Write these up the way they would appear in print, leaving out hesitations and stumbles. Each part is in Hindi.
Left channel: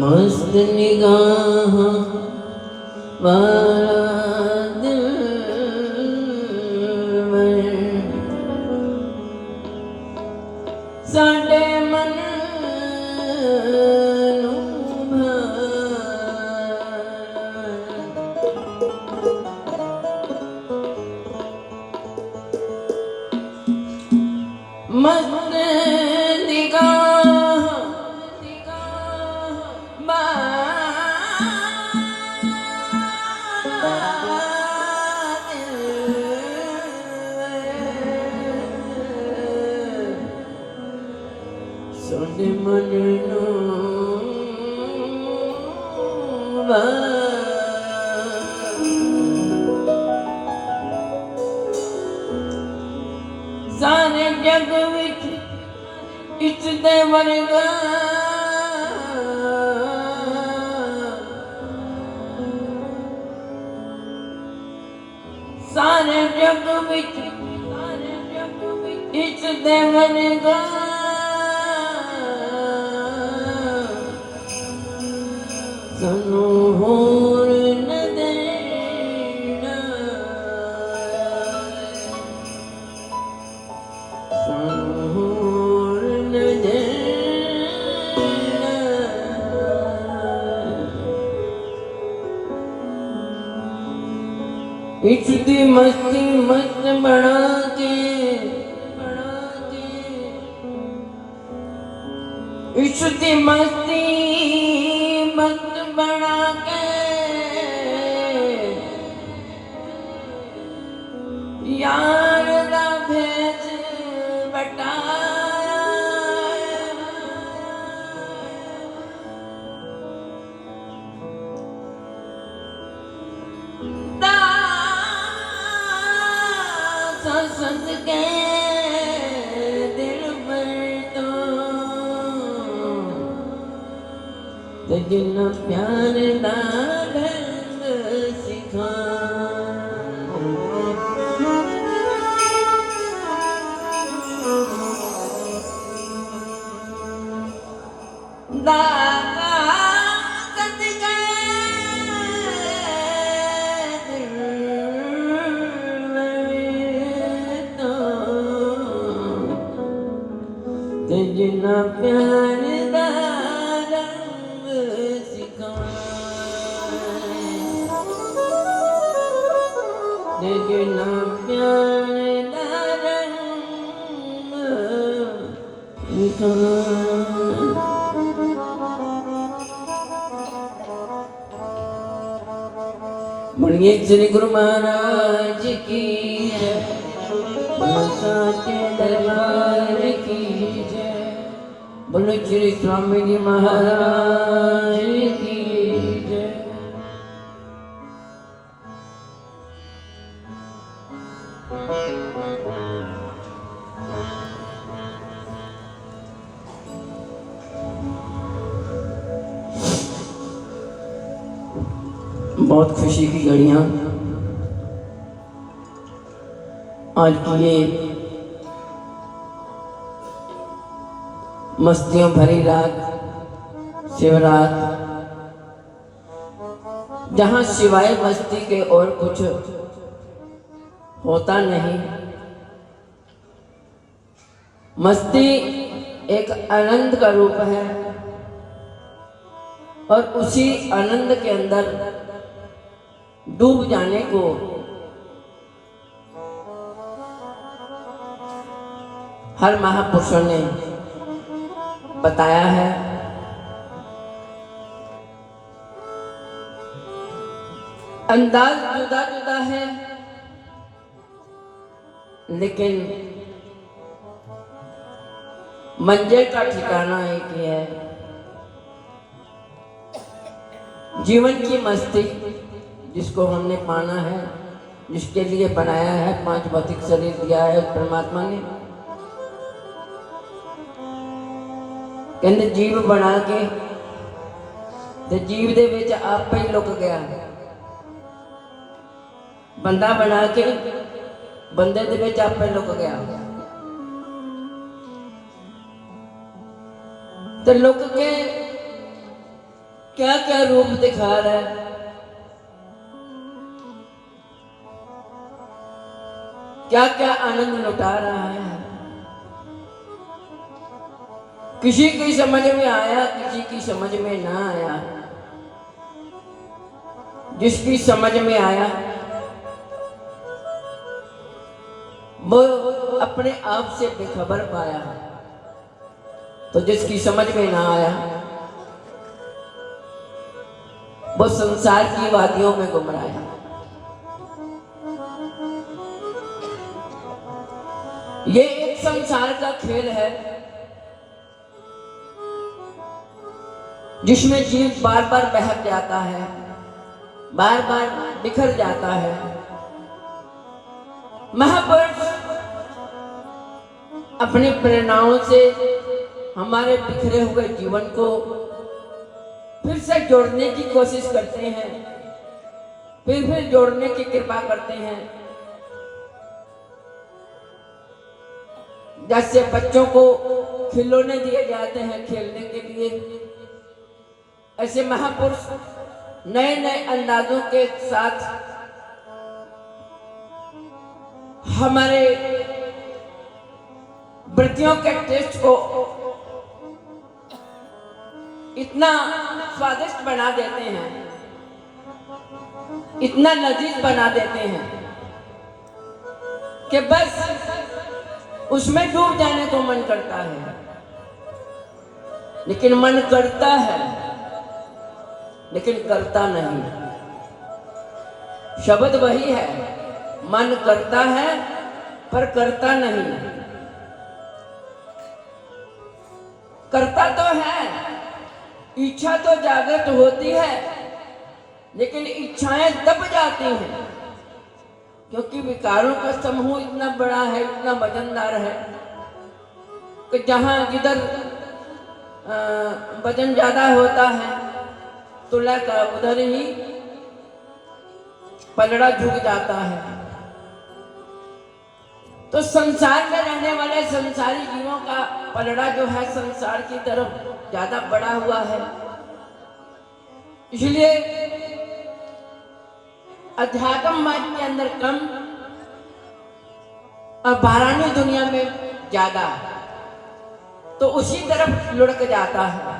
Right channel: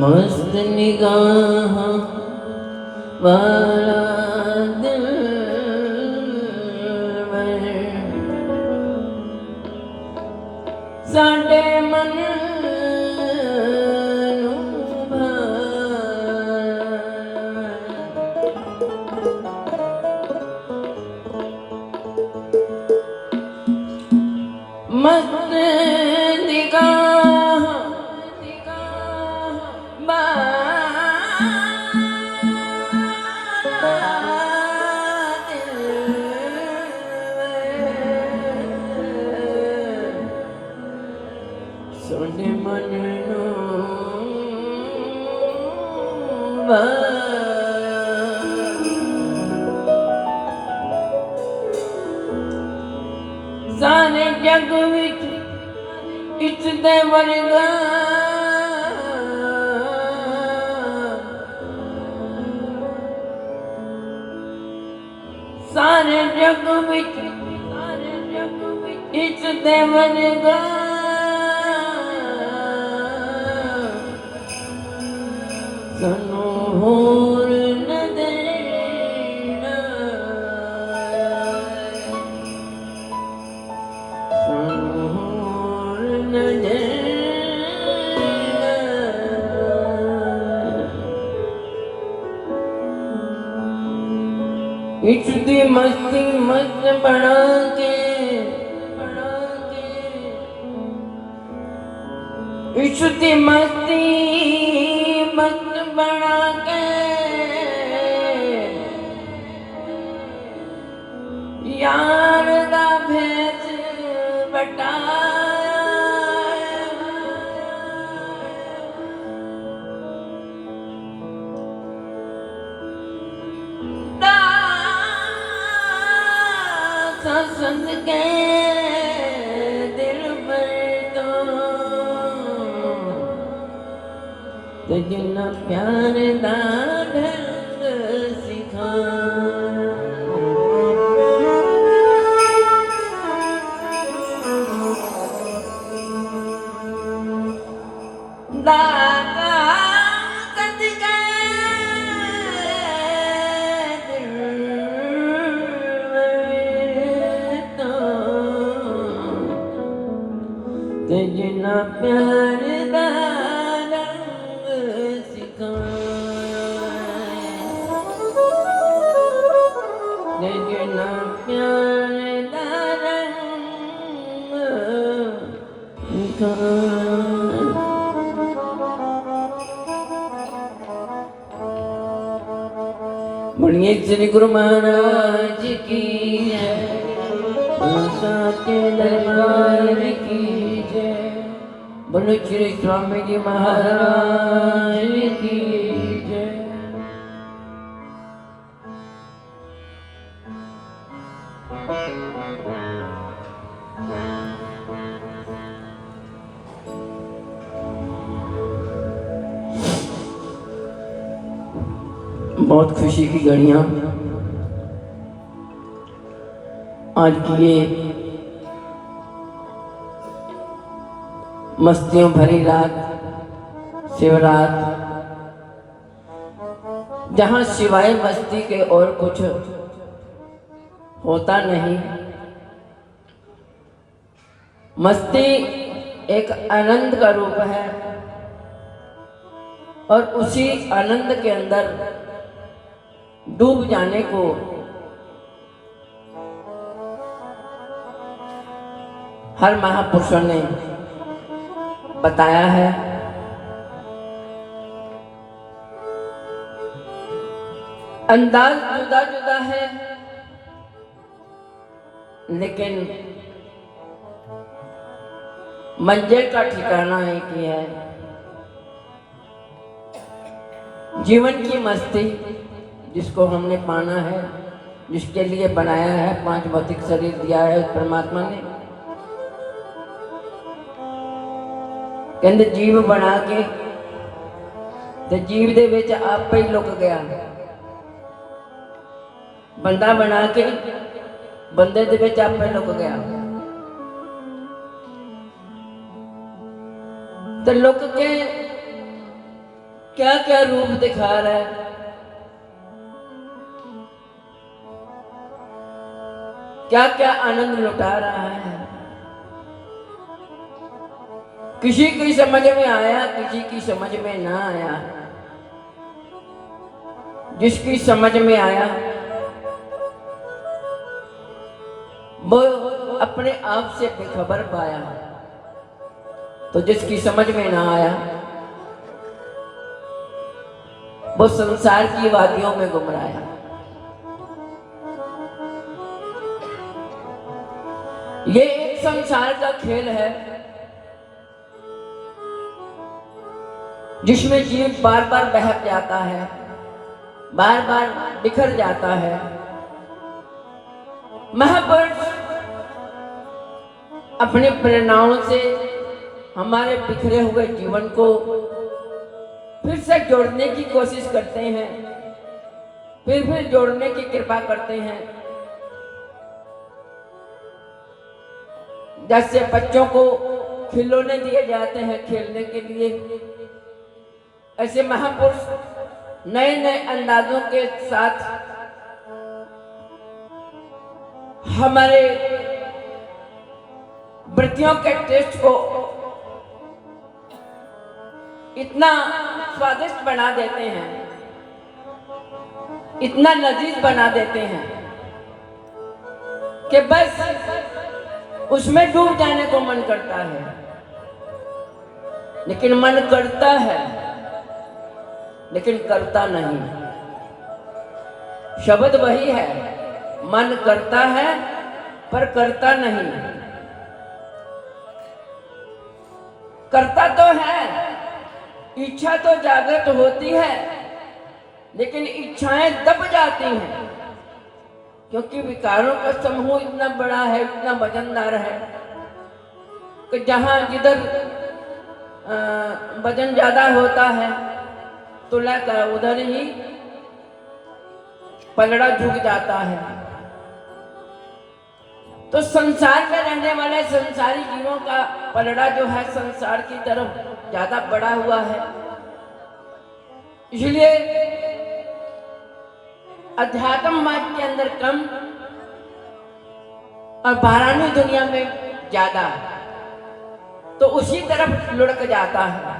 मस्त निगाह वाला दिलवर साडे मन मस्त निगाह साडे मन सारे जग विच इतने वर्गा सारे जग विच इतने वर्गा सानू होर न देना सानू होर न देना इचदी मस्ती मस्त बना के इचदी मस्ती यार दा भेज बटाया संग के दिल पर तो जिन्ना प्यार ना सिखा जिन्ना प्यार दा रंग सिखाए जिन्ना प्यार दा रंग सिखाए बोलिए श्री गुरु महाराज की जय, बोलो साचे दरबार की जय, बोलो श्री स्वामी जी महाराज की जय। बहुत खुशी की घड़ियां आज की ये मस्तियों भरी रात, शिवरात, जहां सिवाय मस्ती के और कुछ होता नहीं। मस्ती एक आनंद का रूप है और उसी आनंद के अंदर डूब जाने को हर महापुरुषों ने बताया है। अंदाज जुदा जुदा है, लेकिन मंजिल का ठिकाना एक ही है। जीवन की मस्ती जिसको हमने पाना है, जिसके लिए बनाया है, 5 भौतिक शरीर दिया है उस परमात्मा ने, कहते जीव बना के ते जीव दे विच आपे ही लुक गया। बंदा बना के बंदे दे विच आपे लुक गया। तो लुक के क्या क्या रूप दिखा रहा है। क्या क्या आनंद लुटा रहा है। किसी की समझ में आया, किसी की समझ में ना आया। जिसकी समझ में आया वो अपने आप से बेखबर पाया, तो जिसकी समझ में ना आया वो संसार की वादियों में गुमराया। ये एक संसार का खेल है जिसमें जीव बार बार बहक जाता है, बार बार बिखर जाता है। महापुरुष अपनी प्रेरणाओं से हमारे बिखरे हुए जीवन को फिर से जोड़ने की कोशिश करते हैं, फिर जोड़ने की कृपा करते हैं। जैसे बच्चों को खिलौने दिए जाते हैं खेलने के लिए, ऐसे महापुरुष नए नए अंदाजों के साथ हमारे वृत्तियों के टेस्ट को इतना स्वादिष्ट बना देते हैं, इतना लजीज बना देते हैं कि बस उसमें डूब जाने को मन करता है। लेकिन मन करता है, लेकिन करता नहीं। शब्द वही है, मन करता है पर करता नहीं। करता तो है, इच्छा तो जागृत होती है, लेकिन इच्छाएं दब जाती हैं, क्योंकि विकारों का समूह इतना बड़ा है, इतना वजनदार है कि जहां जिधर वजन ज्यादा होता है तुला का उधर ही पलड़ा झुक जाता है। तो संसार में रहने वाले संसारी जीवों का पलड़ा जो है संसार की तरफ ज्यादा बढ़ा हुआ है। इसलिए अध्यात्म मार्ग के अंदर कम और बाहरानी दुनिया में ज्यादा, तो उसी तरफ लुढ़क जाता है।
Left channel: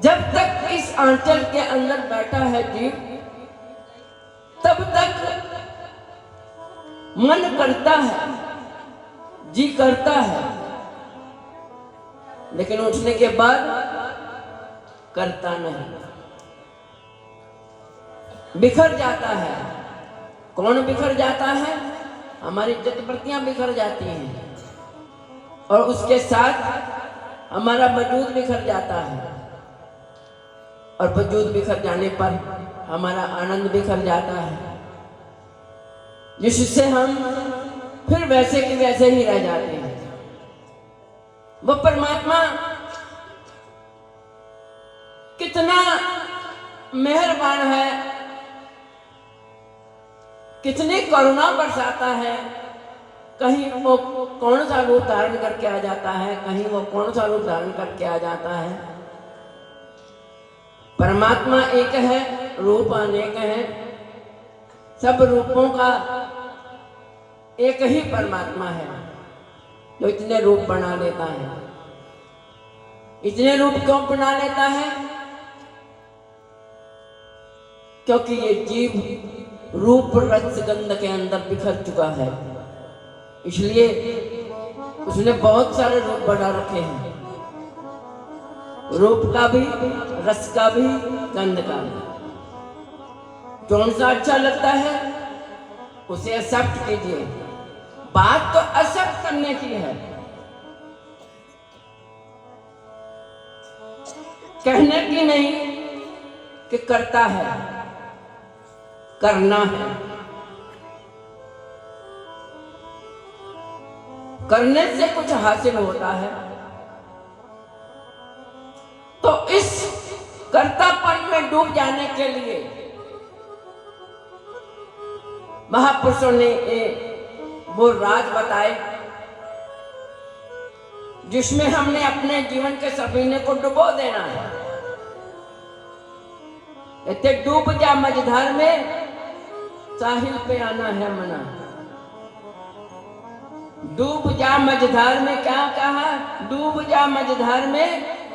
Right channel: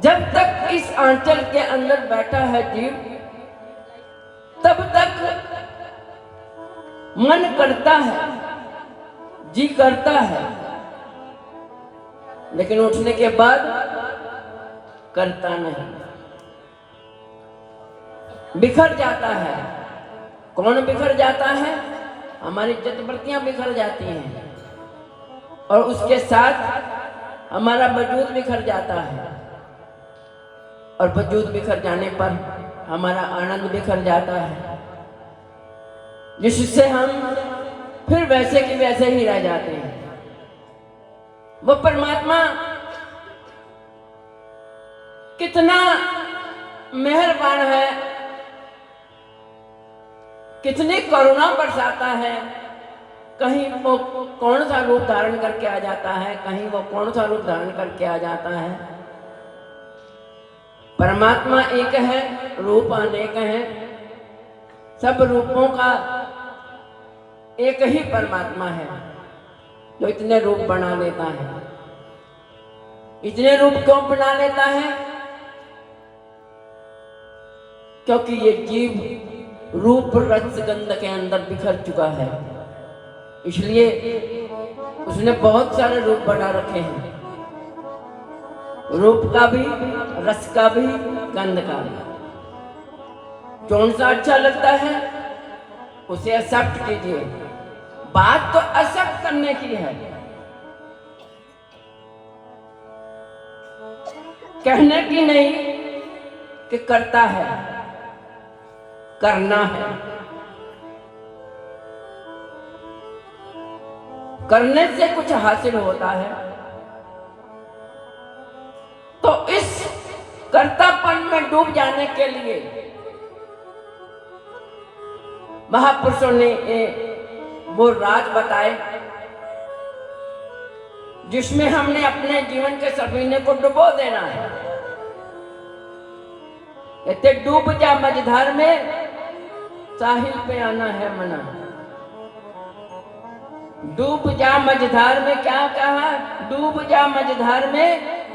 जब तक इस आंचल के अंदर बैठा है जीव, तब तक मन करता है, जी करता है, लेकिन उठने के बाद करता नहीं। बिखर जाता है। कौन बिखर जाता है? हमारी जज्बतियां बिखर जाती हैं और उसके साथ हमारा वजूद बिखर जाता है, और वजूद बिखर जाने पर हमारा आनंद बिखर जाता है, जिससे हम फिर वैसे के वैसे ही रह जाते हैं। वो परमात्मा कितना मेहरबान है, कितनी करुणा बरसाता है। कहीं वो कौन सा रूप धारण करके आ जाता है, कहीं वो कौन सा रूप धारण करके आ जाता है। परमात्मा एक है, रूप अनेक है। सब रूपों का एक ही परमात्मा है जो इतने रूप बना लेता है। इतने रूप क्यों बना लेता है? क्योंकि ये जीव रूप रस गंध के अंदर बिखर चुका है, इसलिए उसने बहुत सारे रूप बना रखे हैं। रूप का भी, रस का भी, गंध का भी। कौन सा अच्छा लगता है उसे एक्सेप्ट कीजिए। बात तो एक्सेप्ट करने की है, कहने की नहीं कि करता है, करना है। करने से कुछ हासिल होता है, तो इस कर्तापन में डूब जाने के लिए महापुरुषों ने वो राज बताए जिसमें हमने अपने जीवन के सफीने को डुबो देना है। इतने डूब जा मझधार में, साहिल पे आना है मना। डूब जा मझधार में, क्या कहा? डूब जा मझधार में,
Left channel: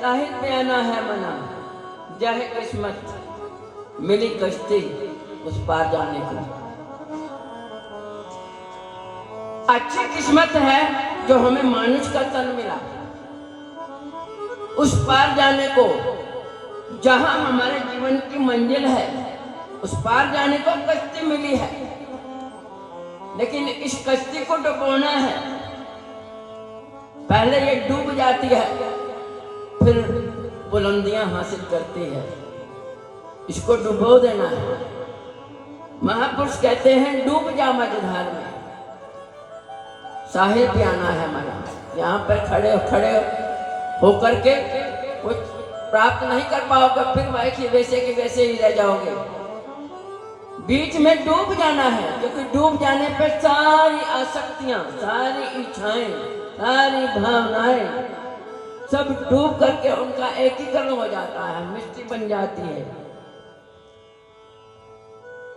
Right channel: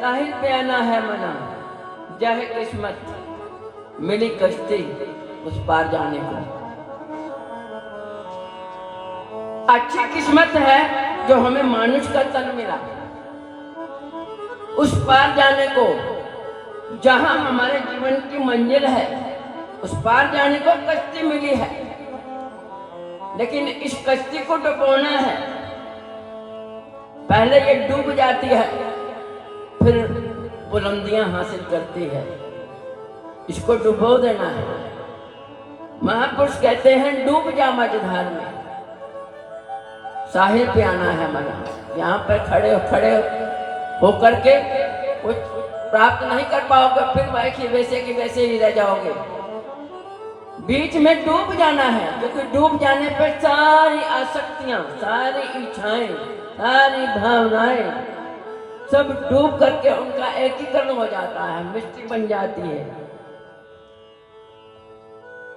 साहिल पे आना है मना। चाहे किस्मत मिली कश्ती उस पार जाने को। अच्छी किस्मत है जो हमें मानुष का तन मिला, उस पार जाने को, जहां हमारे जीवन की मंजिल है, उस पार जाने को कश्ती मिली है। लेकिन इस कश्ती को डुबोना है। पहले ये डूब जाती है, फिर बुलंदियां हासिल करती है। इसको डुबो देना है। महापुरुष कहते हैं डूब जा मझधार में, साहिल पे आना है मना। यहाँ पर खड़े खड़े होकर के कुछ प्राप्त नहीं कर पाओगे, फिर वैसे वैसे के वैसे ही रह जाओगे। बीच में डूब जाना है, क्योंकि डूब जाने पर सारी आसक्तियां, सारी इच्छाएं, सारी भावनाएं सब डूब करके उनका एकीकरण हो जाता है, मिट्टी बन जाती है,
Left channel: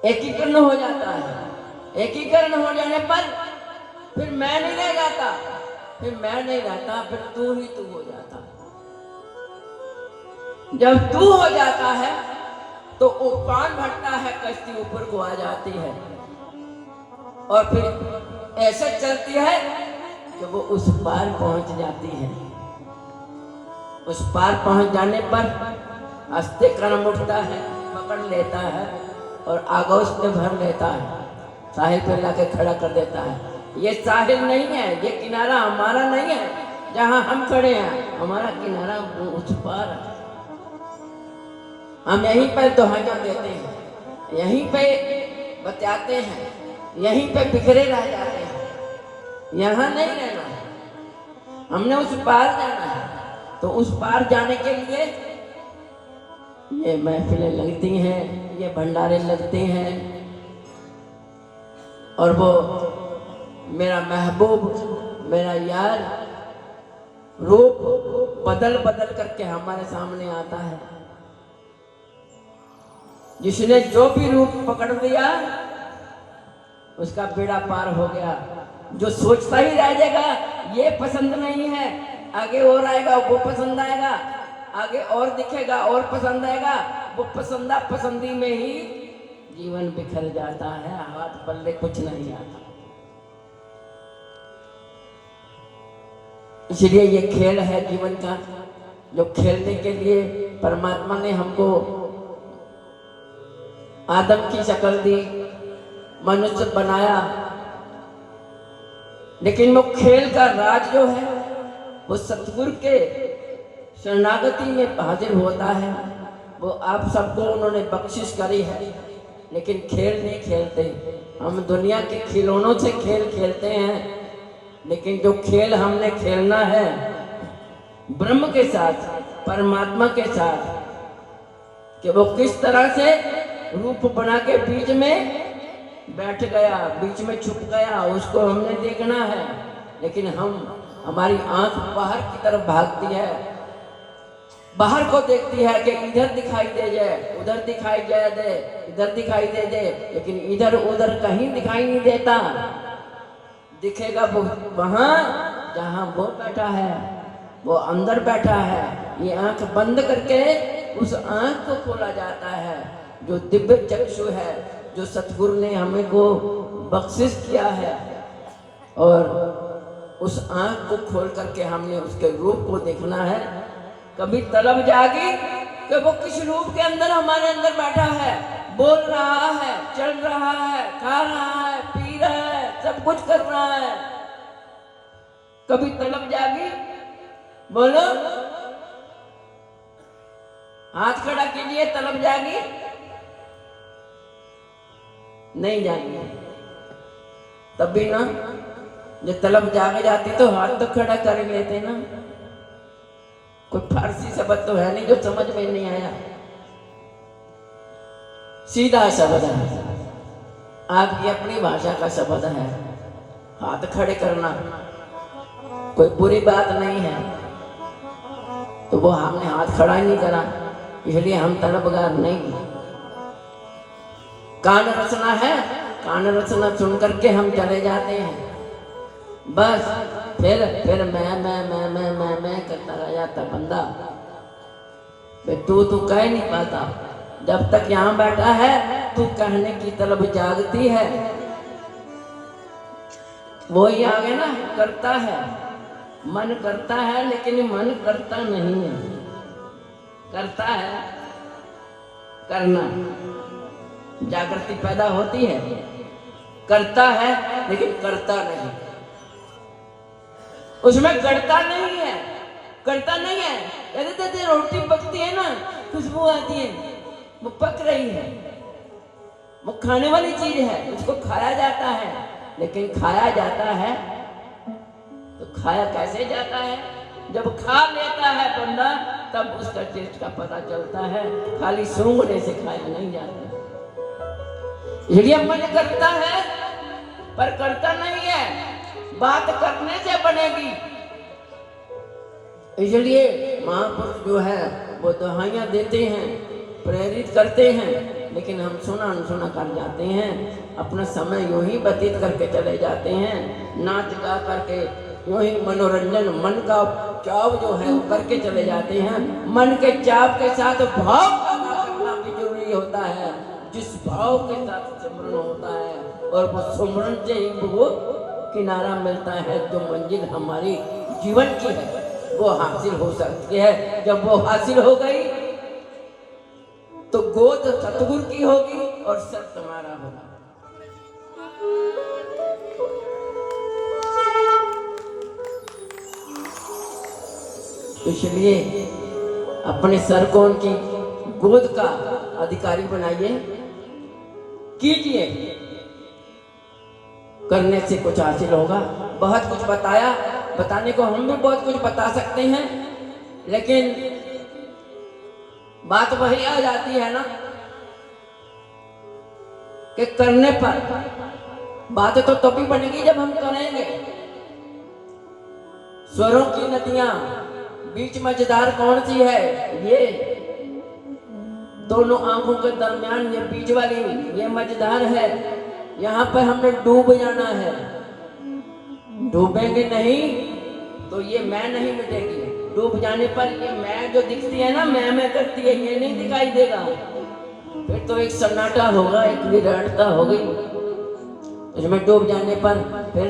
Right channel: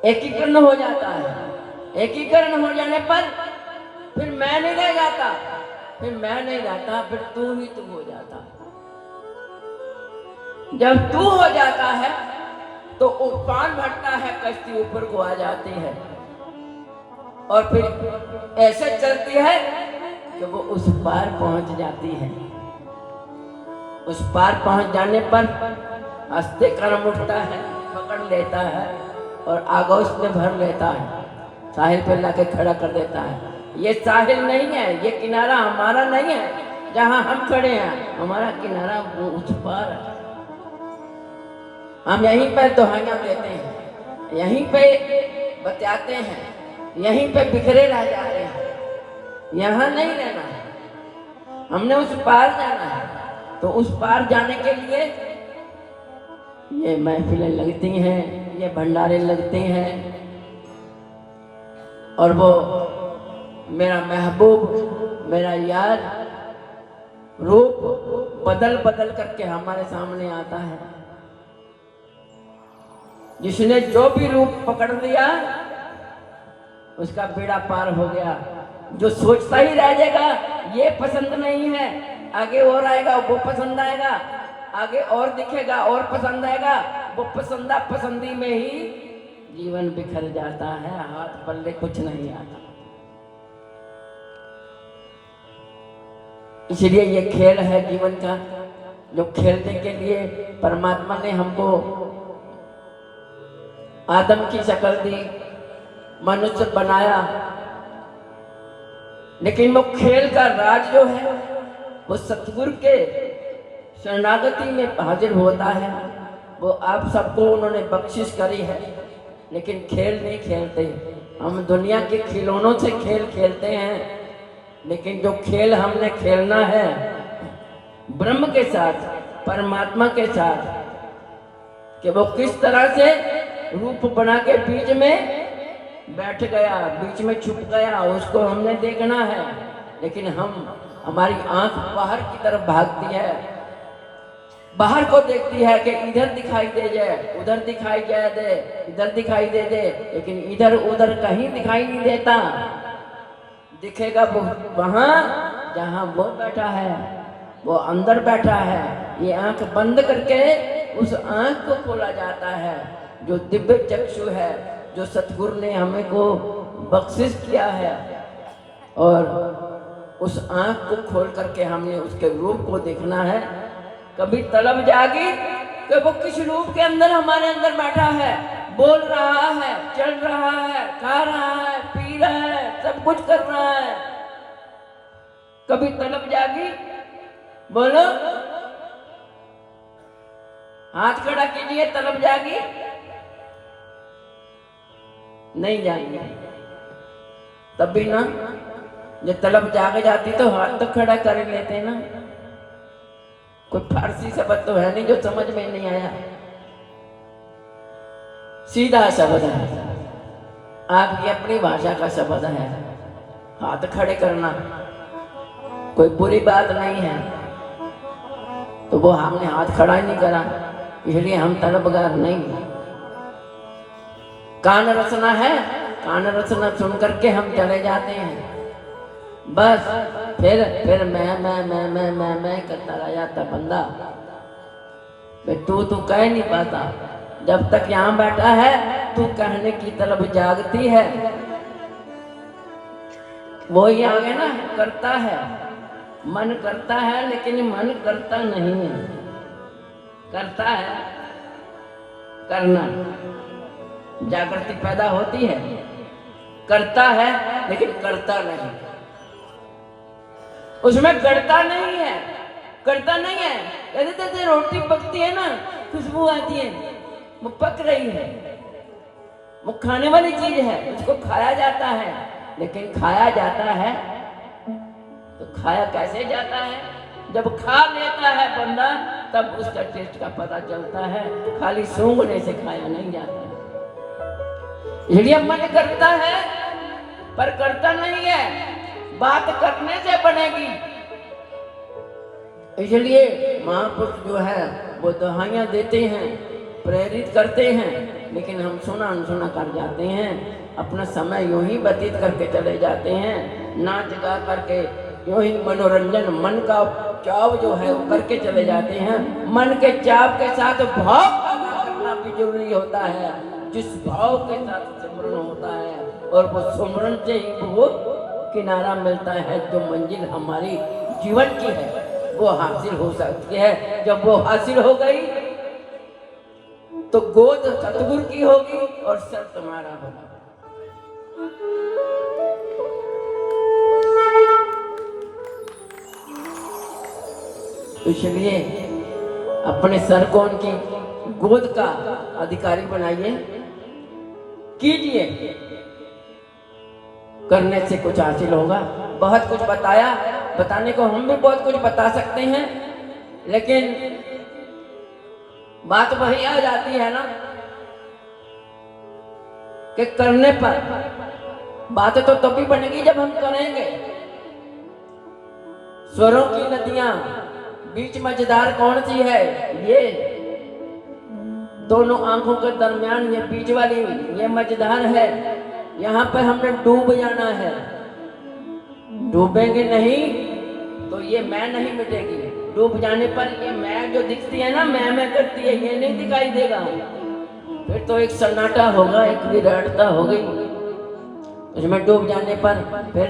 एकीकरण हो जाता है। एकीकरण हो जाने पर फिर मैं नहीं रह जाता, फिर मैं नहीं रहता, फिर तू ही तू हो जाता। जब तू हो जाता है तो उफान भरता है, कश्ती ऊपर को आ जाती है और फिर ऐसे चलती है कि वो उस पार पहुंच जाती है। उस पार पहुंच जाने पर हंसते कर्म उठता है, पकड़ लेता है और आगोश में भर लेता है, साहिल पे लाके खड़ा कर देता है। ये साहिल नहीं है, ये किनारा हमारा नहीं है जहां हम खड़े हैं, हमारा किनारा वो उस पार है। हम यहीं पे दुहाइयां देते हैं, यहीं पे बचाते हैं, यहीं पे बिखरे रह जाते हैं। यहाँ नहीं रहना है, हमने उस पार जाना है। तो उस पार जाने के लिए ये महफिलें लगती हैं, ये भंडारे लगते हैं, और वो मेरा महबूब, मेरा यार रूप बदल बदल करके हमारे सामने आता है। जिसने जो भी रूप पकड़ लिया उसका बेड़ा पार हो गया। जो सोचता ही रह जाएगा ये पसंद नहीं है, आगे और आएगा वो पसंद आएगा, आगे और दिखेगा और पसंद आएगा, वो पसंदा पसंदी में ही जीवन बिखर जाता है, हाथ पल्ले कुछ नहीं आता। इसलिए ये खेल है जीवन का, जो खेलने के लिए परमात्मा ने हमको आदम की शक्ल दी, मनुष्य बनाया, लेकिन वो खेल का राज जो है वो सतगुरु के शरणागति में हाजिर होता है। वो आप सबको उन्होंने बख्शिश करी है, लेकिन खेल नहीं खेलते। हम दुनिया के खिलौनों से खेल खेलते हैं, लेकिन जो खेल हमने खेलना है ब्रह्म के साथ, परमात्मा के साथ, कि वो किस तरह से रूप बना के बीच में बैठ गया, बीच में छुप गया, उसको हमने देखना है। लेकिन हमारी आंख बाहर की तरफ भागती है, बाहर को देखती है कि इधर दिखाई दे जाए, उधर दिखाई जाए दे, इधर दिखाई दे दे, लेकिन इधर उधर कहीं दिखाई नहीं देता। दिखेगा वो वहां जहां वो बैठा है, वो अंदर बैठा है। ये आंख बंद करके उस आंख को खोला जाता है, जो दिव्य चक्षु है, जो सतगुरु ने हमें को बख्शिश किया है। और उस आंख को खोल करके हमने उसके रूप को देखना है। कभी तलब जागी कि वो किस रूप के अंदर हमारे अंदर बैठा है, बोल रहा है, चल रहा है, खा रहा है, पी रहा है, सब कुछ कर रहा है। कभी तलब जागी? बोलो, हाथ खड़ा कीजिए। तलब जागी? नहीं जागी। तभी ना, जो तलब जाग जाती तो हाथ तो खड़ा कर लेते ना। कोई फारसी शब्द तो है नहीं जो समझ में नहीं आया, सीधा शब्द है, आपकी अपनी भाषा का शब्द है। हाथ खड़े करना कोई बुरी बात नहीं है, तो वो हमने हाथ खड़ा ही नहीं करा, इसलिए हम तलबगार नहीं। कान रचना है, कान रचना सुन करके हम चले जाते हैं, बस फिर मैं करता रह जाता बंदा। तू कह नहीं पाता। जब तक यहाँ बैठा है तू कहने की तरफ जागती है, वो ही आगे ना करता है, मन करता है, लेकिन मन करता नहीं है। करता है, करना, जागृति पैदा होती है, करता है लेकिन करता नहीं, उसमें गड़ता नहीं है, करता नहीं है। कहते थे रोटी पकती है ना, खुशबू आती है, वो पक रही है, वो खाने वाली चीज है, उसको खाया जाता है। लेकिन खाया जाता है तो खाया कैसे जाता है? जब खा लेता है बंदा, तब उसका टेस्ट का पता चलता है, खाली सूंघने से खाया नहीं जाता। इसलिए मन करता है पर करता नहीं है, बात करने से बनेगी। इसलिए महापुरुष जो है वो दुहाइयां देते हैं, प्रेरित करते हैं, लेकिन हम सुना अनसुना कर जाते हैं, अपना समय यूं ही व्यतीत करके चले जाते हैं, नाच गा करके यूं ही मनोरंजन, मन का चाव जो है वो करके चले जाते हैं। मन के चाव के साथ भाव पैदा करना भी जरूरी होता है। जिस भाव के साथ सिमरन होता है, और वो सिमरन से ही वो किनारा मिलता है, जो मंजिल हमारी जीवन की है वो हासिल हो सकती है। जब वो हासिल हो गई तो गोद सतगुरु की होगी और सर तुम्हारा होगा। इसलिए अपने सर को उनकी गोद का अधिकारी बनाइए, कीजिए, करने से कुछ हासिल होगा। बहुत कुछ बताया, बताने को हम भी बहुत कुछ बता सकते हैं, लेकिन बात वही आ जाती है ना कि करने पर बात तो तभी बनेगी जब हम करेंगे। स्वरों की नदियां बीच मझधार कौन सी है? ये दोनों आंखों के दरमियान ये बीच वाली ये मझधार है। यहाँ पे हमने डूब जाना है। डूबेंगे नहीं तो ये मैं नहीं मिटेगी। डूब जाने पर ये मैं जो दिखती है ना, मैं करती है, ये नहीं दिखाई देगा। फिर तो एक सन्नाटा होगा, एक विराटता हो गई। इसमें डूब जाने पर फिर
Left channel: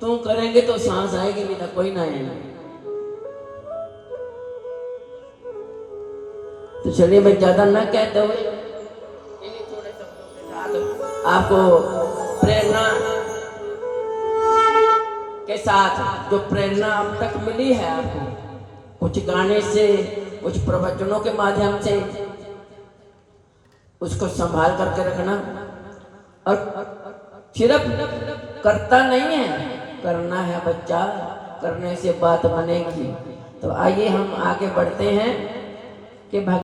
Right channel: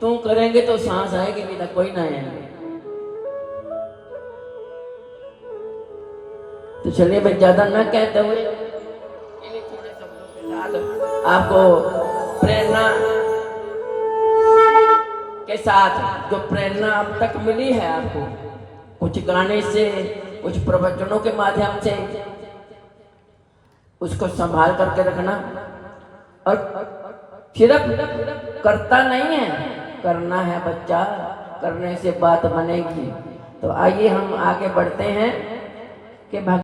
तुम करेंगे तो सांस आएगी, नहीं तो कोई ना आएगा। तो चलिए मैं ज्यादा ना कहते हुए आपको प्रेरणा के साथ जो प्रेरणा अब तक मिली है आपको, कुछ गाने से, कुछ प्रवचनों के माध्यम से, उसको संभाल करके रखना। और सिर्फ करता नहीं है, करना है बच्चा, करने से बात बनेगी। तो आइए हम आगे बढ़ते हैं कि